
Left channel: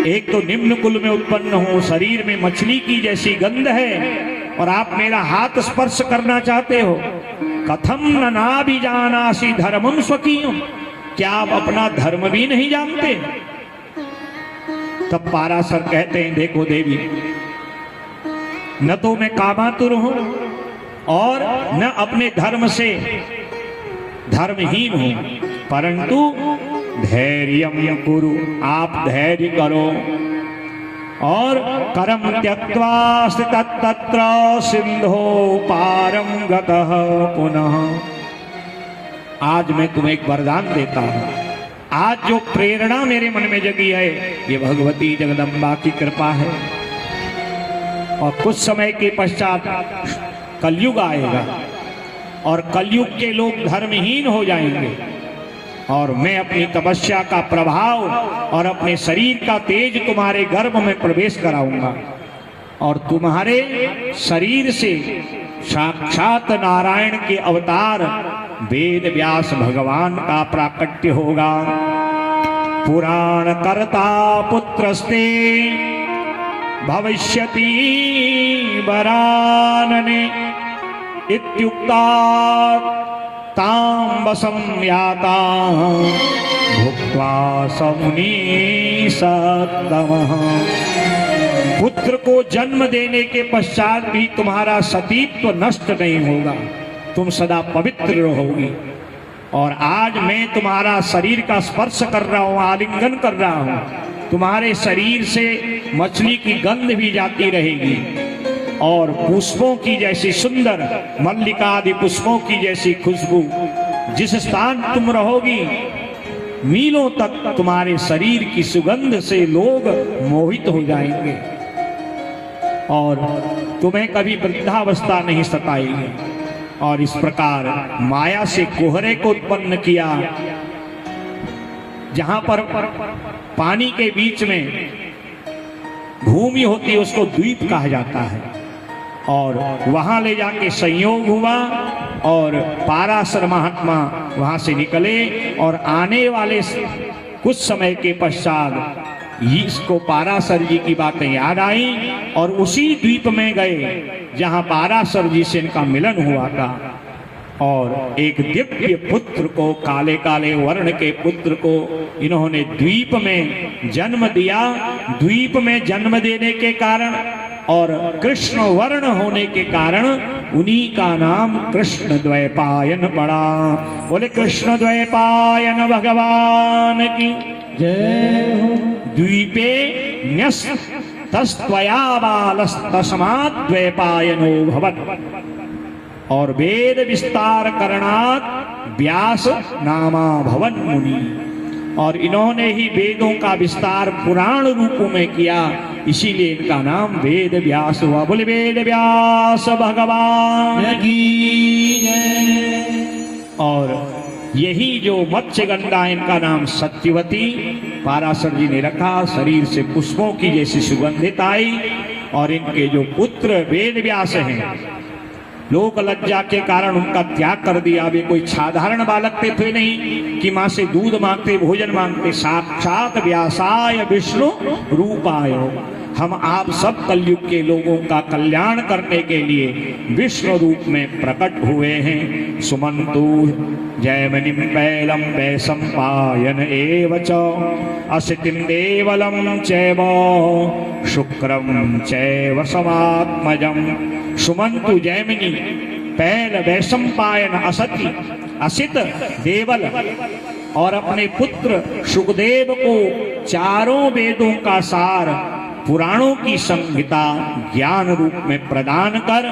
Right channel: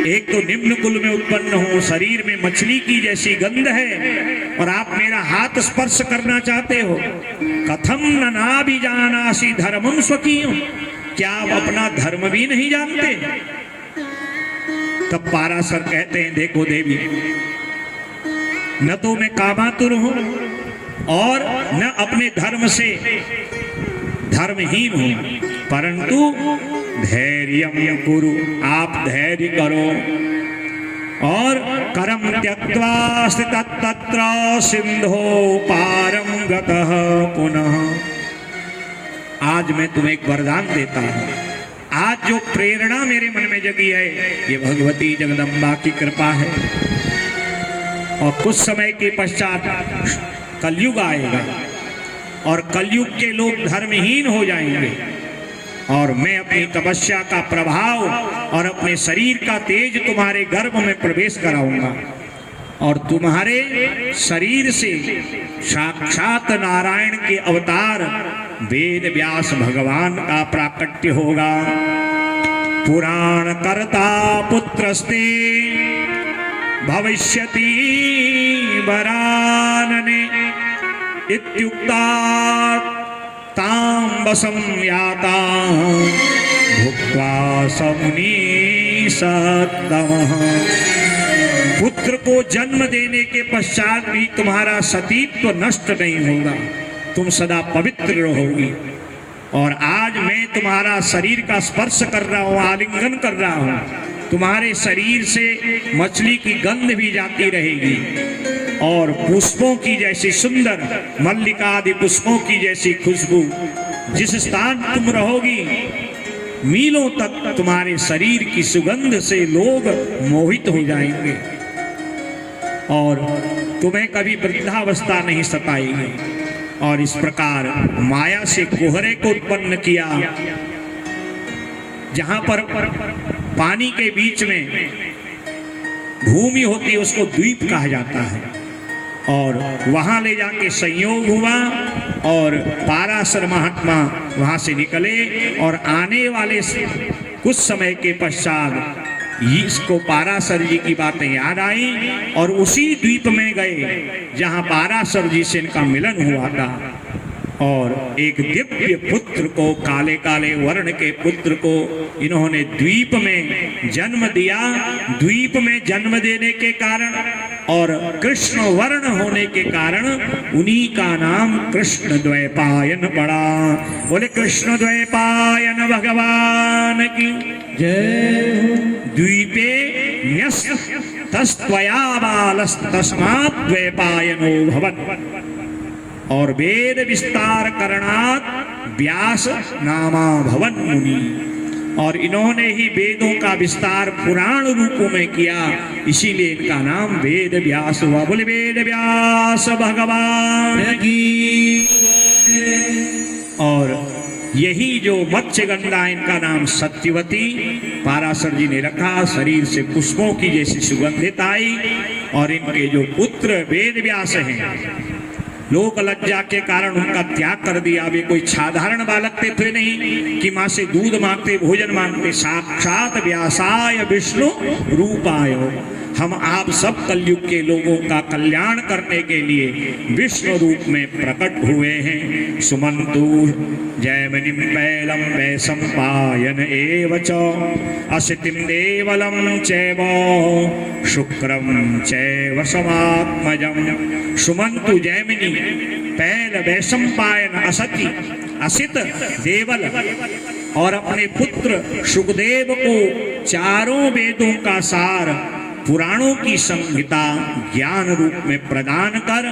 एक तो निम्न कुल में उत्पन्न हो, शरीर में मछली की जैसी गंध है, और आप मेरा हाथ स्पर्श करना चाहते हो। कथम न नाभिजानासि धर्मम स्वकीयम, क्या आप अपना धर्म भी नहीं जानते? तब पाराशर कहते हैं, देखो देवी, न तो मैं कामातुर हूं और न अपने धर्म से धर्महीन हूं, परंतु धैर्यं कुरु, आप धैर्य करो। और करम त्यक्त्वा स्थितस्तत्र सिंधो पारम गतः पुनः। आज मैं तुम्हें एक वरदान देता हूं। आज जो प्रेरणा मेरे मन में जगी है, ये भगवती जगदम्बा की कृपा है। और कुछ समय के पश्चात कलयुग आएगा, और कलयुग के लोग धर्महीन हो जाएंगे, और मैं अपनी तपस्या का प्रभाव और अपने शरीर का तेज तुम्हारे गर्भ में प्रवेश कराऊंगा, और तुम्हारे शरीर से साक्षात नारायण के अवतार वेद व्यास भगवान का प्राकट्य होगा। पुराण कर्ता पुत्रस्ते भविष्यति वरानने इत्युक्ता ताम्बसं याता भुक्त्वा समुनि सत्तमः। पुत्र को जन्म देने के पश्चात भी तुम्हारा सतीत्व नष्ट नहीं होगा, तुम सदा पवित्र रहोगी। और आज मैं तुम्हारा शरीर का स्पर्श कर रहा हूँ, आलिंगन कर रहा हूँ, तुम्हारे शरीर से मछली की गंध भी जाती रहेगी, और पुष्पों की जैसी सुंदर मल्लिका आदि पुष्पों की जैसी खुशबू, जिस स्थान तुम रहोगी मीलों तक तुम्हारे शरीर की सुगंध से लोग मोहित हो जाएंगे, और तुम्हें कभी वृद्धावस्था नहीं सताएगी। और इस प्रकार माया से कोहरे को उत्पन्न किया, जहां पर पानी के बीच में भूमि होती है उसको द्वीप कहा जाता है, और वहां ले जाके संयोग हुआ, और पाराशर महात्मा वहां से निकले, और आने वाले कुछ समय के पश्चात इसको पाराशर जी की बातें याद आई, और उसी द्वीप में गए जहां पाराशर जी से इनका मिलन हुआ था। और एक दिव्य पुत्र को, काले काले वर्ण के पुत्र को इन्होंने द्वीप में जन्म दिया। द्वीप में जन्म देने के कारण और कृष्ण वर्ण होने के कारण उन्हीं का नाम कृष्ण द्वैपायन पड़ा। बोले कृष्ण द्वैपायन भगवान की जय हो। द्वीपे न्यस्तस्त्वया बालस्तस्मात् द्वैपायनो भवत्। और वेद विस्तार करणात् व्यास नामा भवन मुनि। और इन्होंने ही वेदों का विस्तार पुराण रूपों में किया, इसीलिए इनका नाम वेद व्यास हुआ। बोले वेद व्यास भगवान की। और यही जो मत्स्य गंगा, इनका नाम सत्यवती, पाराशर जी ने रखा। शरीर से पुष्पों की जैसी सुगंधित आई। और इनके जो पुत्र वेद व्यास हैं, लोक लज्जा के कारण उनका त्याग कर दिया। वे कोई साधारण बालक थे नहीं कि माँ से दूध मांगते, भोजन मांगते। साक्षात व्यासाय विष्णु रूपाय। हम आप सब कलयुग के लोगों का कल्याण करने के लिए विष्णु रूप में प्रकट हुए हैं। सुमंतु जयमनिम पैलम वैशंपायन एव च असितिम देवलम चैव शुक्रम चैव समात्मजम। सुमंतु जयमिनी पैल वैशंपायन असति असित देवल और अपने पुत्र सुखदेव को चारों वेदों का सार, पुराणों की संहिता ज्ञान रूप में प्रदान कर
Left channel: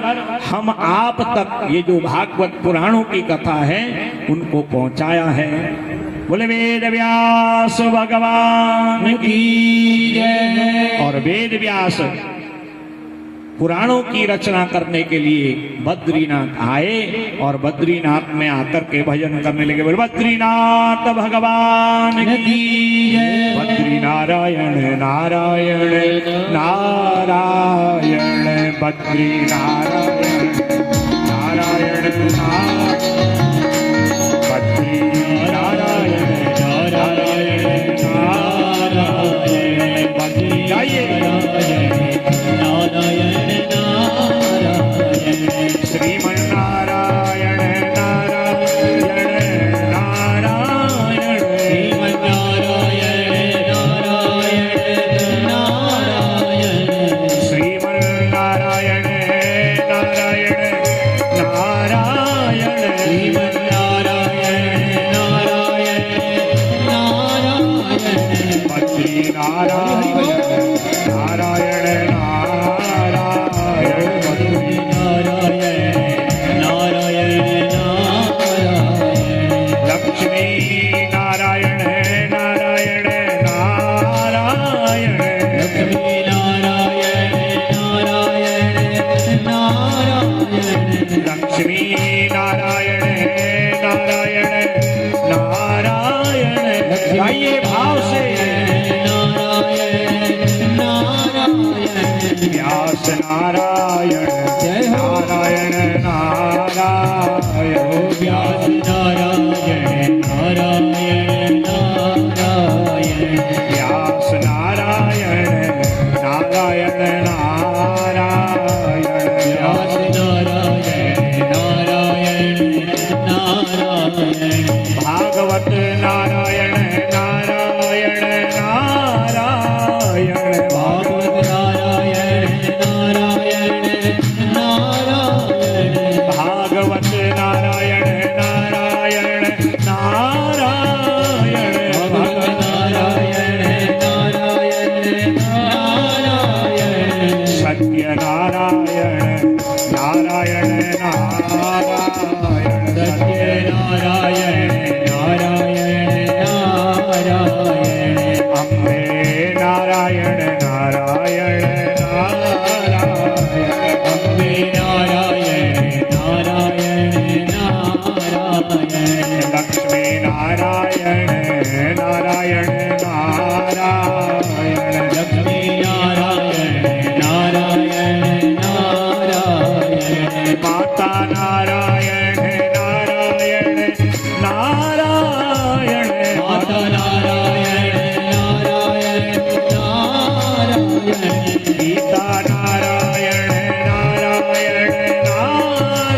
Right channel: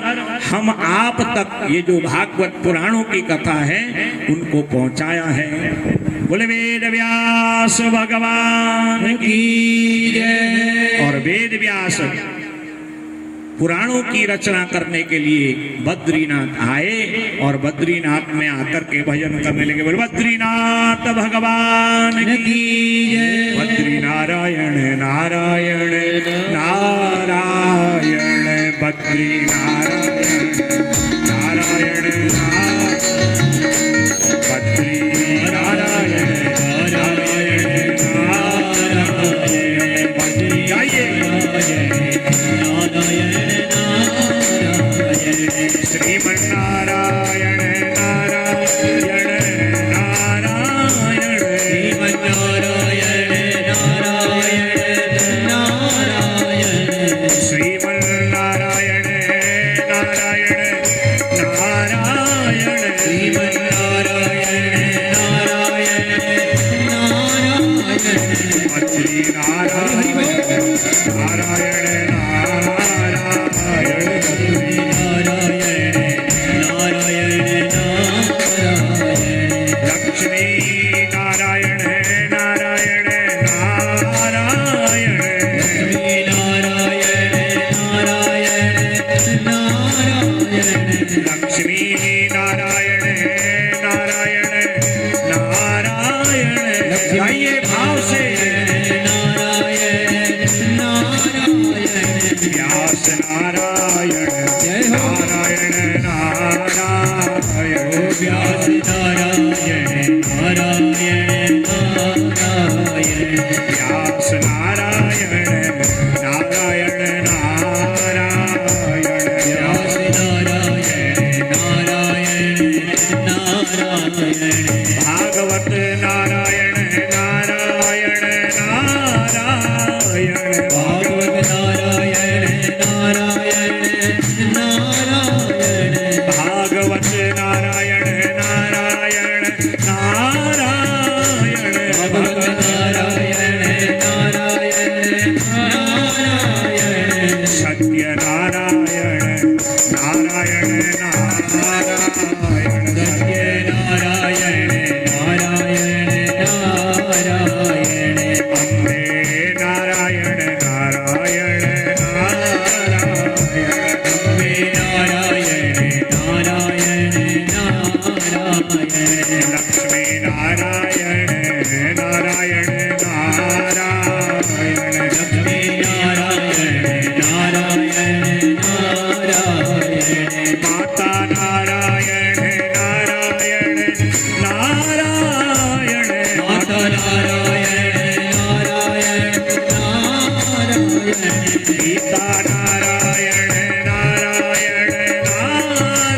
हम आप तक ये जो भागवत पुराणों की कथा है उनको पहुंचाया है। बोले वेद व्यास भगवान की जय। और वेद व्यास पुराणों की रचना करने के लिए बद्रीनाथ आए और बद्रीनाथ में आकर के भजन करने लगे। बोले बद्रीनाथ भगवान की जय। बद्री नारायण नारायण नारायण बद्री नारायण नारायण बद्री नारायण नारायण नारायण बद्री। जाइए श्रीमन्नारायण नारायण नारायण श्रीमन्नारायण नारायण नारायण श्रीमन्नारायण नारायण नारायण श्रीमन्नारायण नारायण नारायण बद्री नारायण नारायण नारायण नारायण नारायण व्यास नारायण नारायण नारायण व्यास नारायण नारायण नारायण व्यास नारायण नारायण नारायण भागवत नारायण नारायण नारायण भागवत नारायण भागवत नारायण नारायण नारायण भगवत नारायण नारायण नारायण सत्य नारायण नारायण नारायण सत्य नारायण नारायण नारायण अम्बे नारायण नारायण लक्ष्मी नारायण नारायण नारायण लक्ष्मी नारायण नारायण नारायण माता नारायण नारायण नारायण माता नारायण नारायण नारायण सीता नारायण नारायण नारायण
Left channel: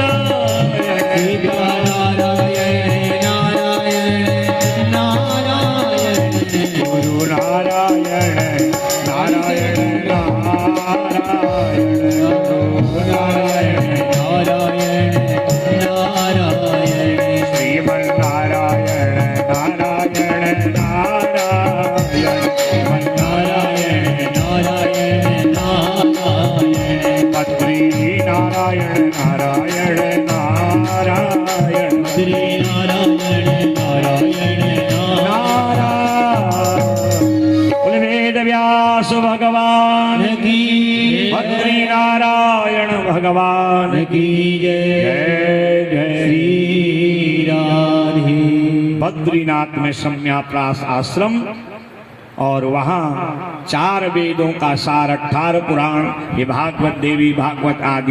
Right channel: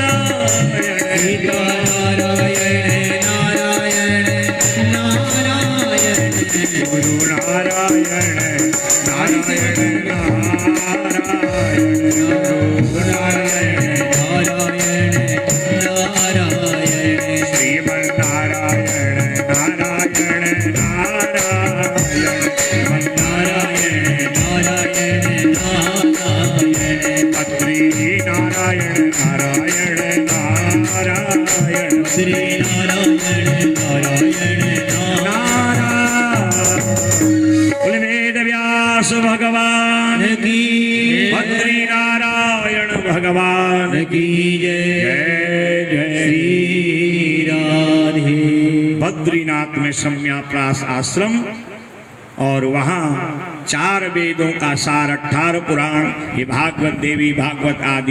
भगवान की, बद्री नारायण भगवान की जय जय श्री राधे। बद्रीनाथ में सम्याप्रास आश्रम और वहाँ 4 वेदों का सार 18 पुराण, ये भागवत देवी भागवत आदि